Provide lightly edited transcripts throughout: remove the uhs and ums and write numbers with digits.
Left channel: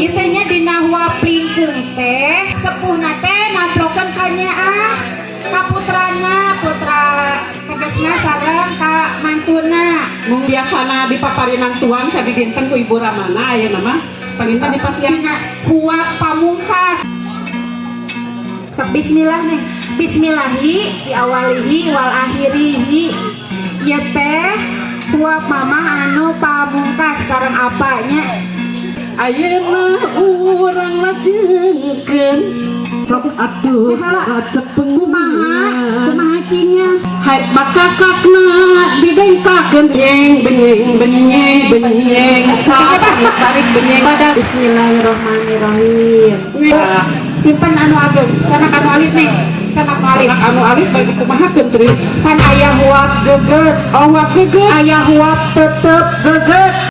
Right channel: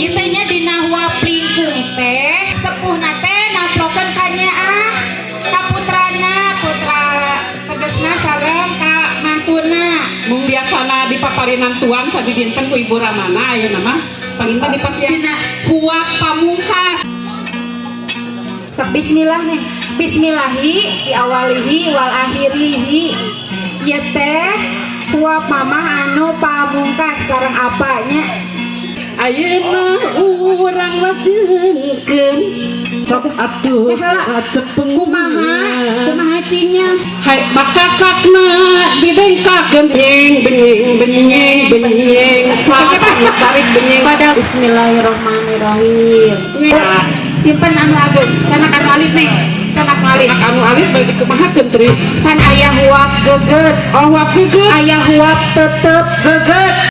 Itanya dina huap lingkung teh sepuhna teh namplokeun ka nyaa ka putrana, putra tegesna sareng ka mantuna. Mung biasana dipaparinan tuan sabi dinten ku Ibu Ramana ayeuna mah panginten dipasihan huap pamungkas. Sok bismillah nih. Bismillahi diawalihi wal akhirihi. Ieu teh huap mama anu pamungkas sareng apanya? Ayeuna urang majengkeun sok atuh wajib Kumaha cinya? hai bakakakna dibengkakeun benyeng sahabat tarik benyeng pada Bismillahirrahmanirrahim. Simpen anu ageun, canak anu alit nih. Canak alit. anu alit bagi kumaha teuntri Kan aya huap geget, oh huap geget aya huap tetep geget.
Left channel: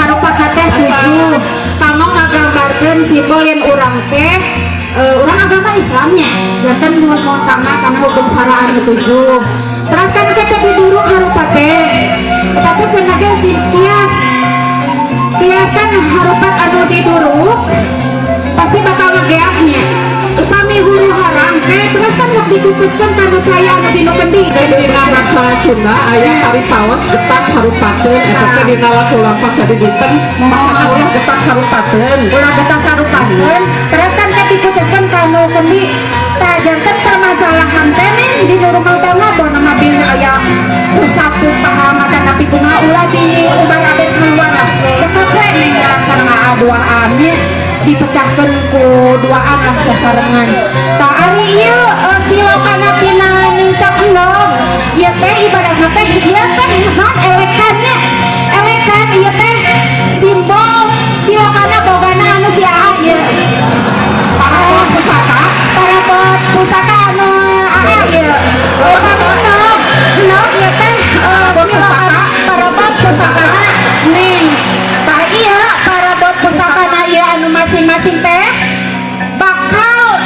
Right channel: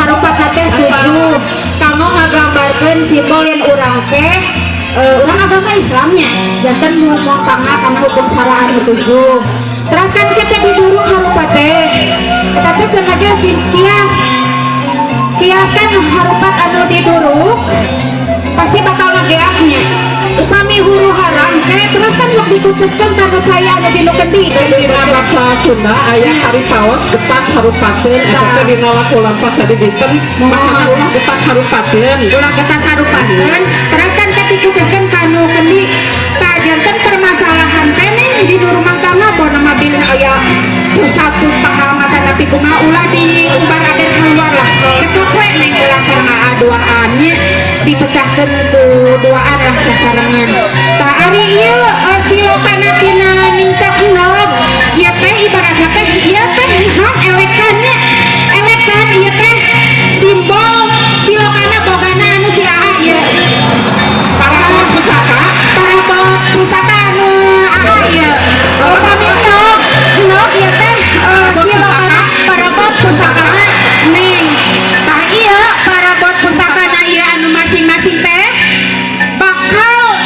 Harupat teh 7. Kanggo ngagambarkeun simbol yang urang teh urang agama Islamnya. Janten moal kana hukum syariat 7. Terus kan kita diduru harupat teh. Tapi cenah ge si kias. Kias kan harupat anu diduru pasti bakal ngageaknya. Upami huru haram teh terus kan sok ditucuskeun kana caya anu dinu kendi. dina bahasa Sunda aya hari paos getas harupakeun eta teh dina waktu lapas adi dinten masalah getas harupakeun Ulah kita sarupakeun terus kan teh ditucuskeun kana kendi. Tah janten permasalahan teh di rumah tangga pun mah bil aya usapu pahamatan tapi kumaha ulah diubarakeun keluar lah. Cekep we ning laksana doaannya dipecahkeun ku doaan lah sasarengan. Tah ari ieu silokana tina nincak endog ieu teh ibaratna teh ieu teh naon elekannya elekan ieu teh simbol silokana bogana anu si aha ieu para pusaka anu aha ieu endog ieu teh silokana parabot pusakana neng. Tah ieu parabot pusakana ieu anu masing-masing teh bakal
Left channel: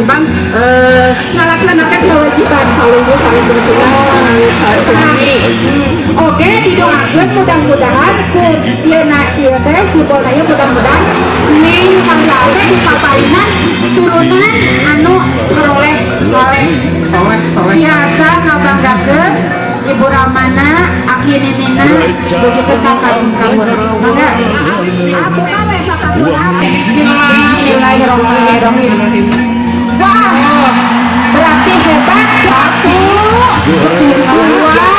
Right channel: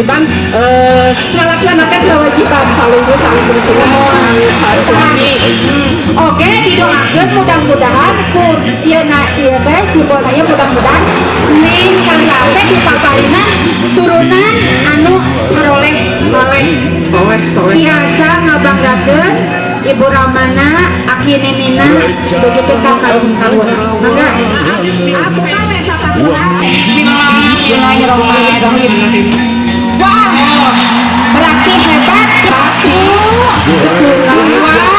kewajiban melaksanakan kewajiban saling bersuami suami. Oke, didoakan mudah-mudahan ieu teh sidolaya mudah-mudahan neng kang teh di kapalinan turunan anu soleh soleh biasa ngabanggakeun ibu ramana aki ninina begitu ka kaum Bismillahirrahmanirrahim. Wah, berarti hebat satu, dua, tiga,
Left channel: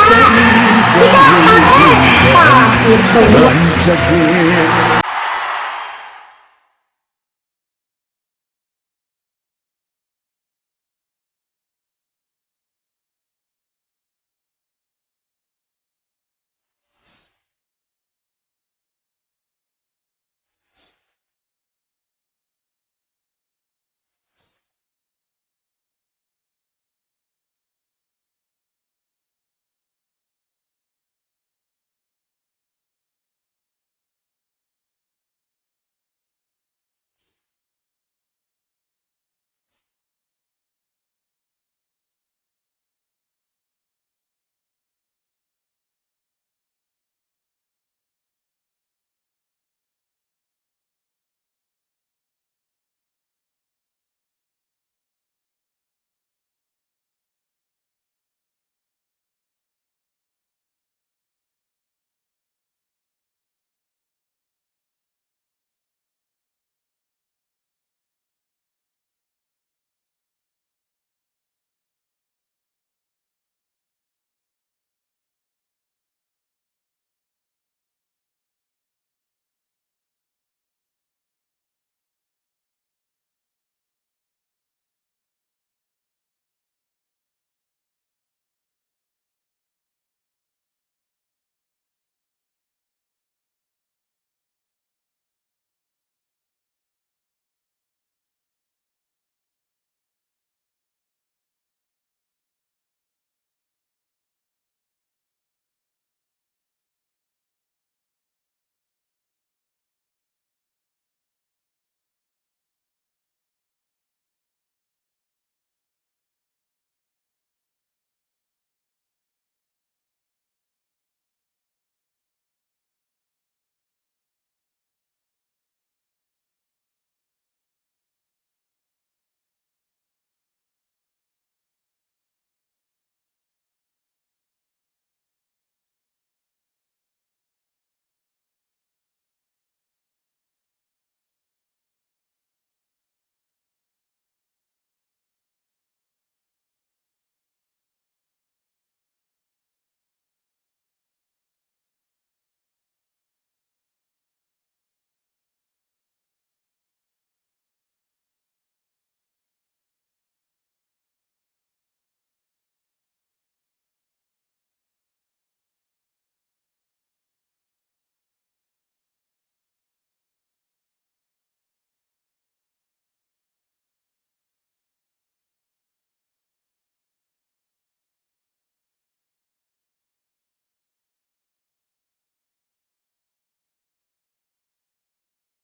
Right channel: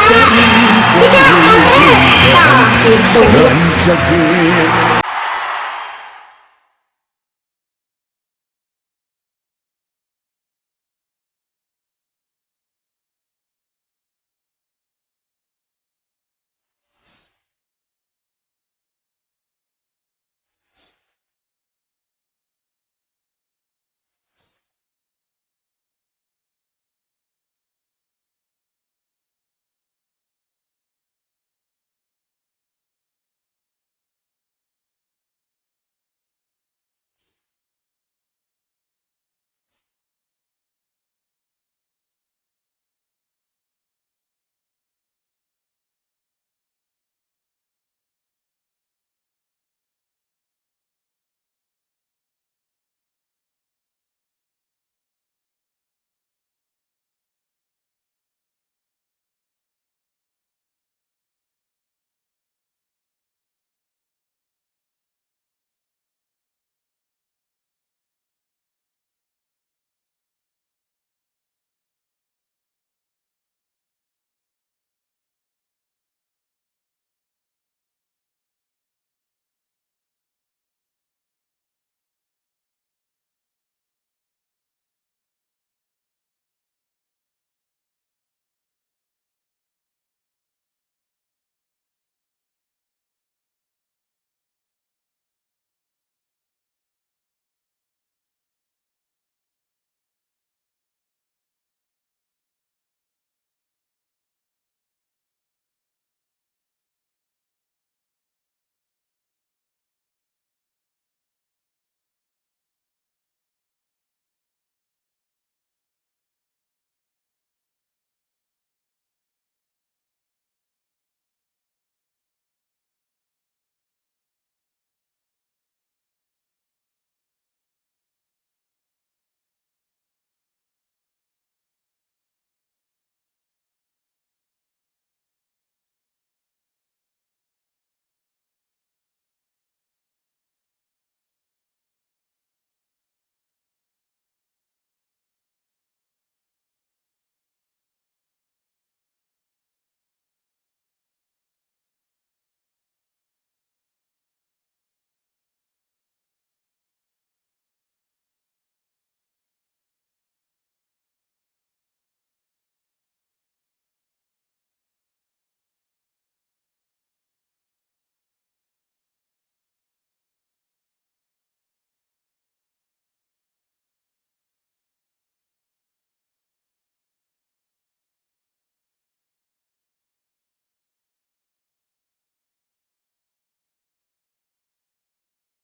Rancak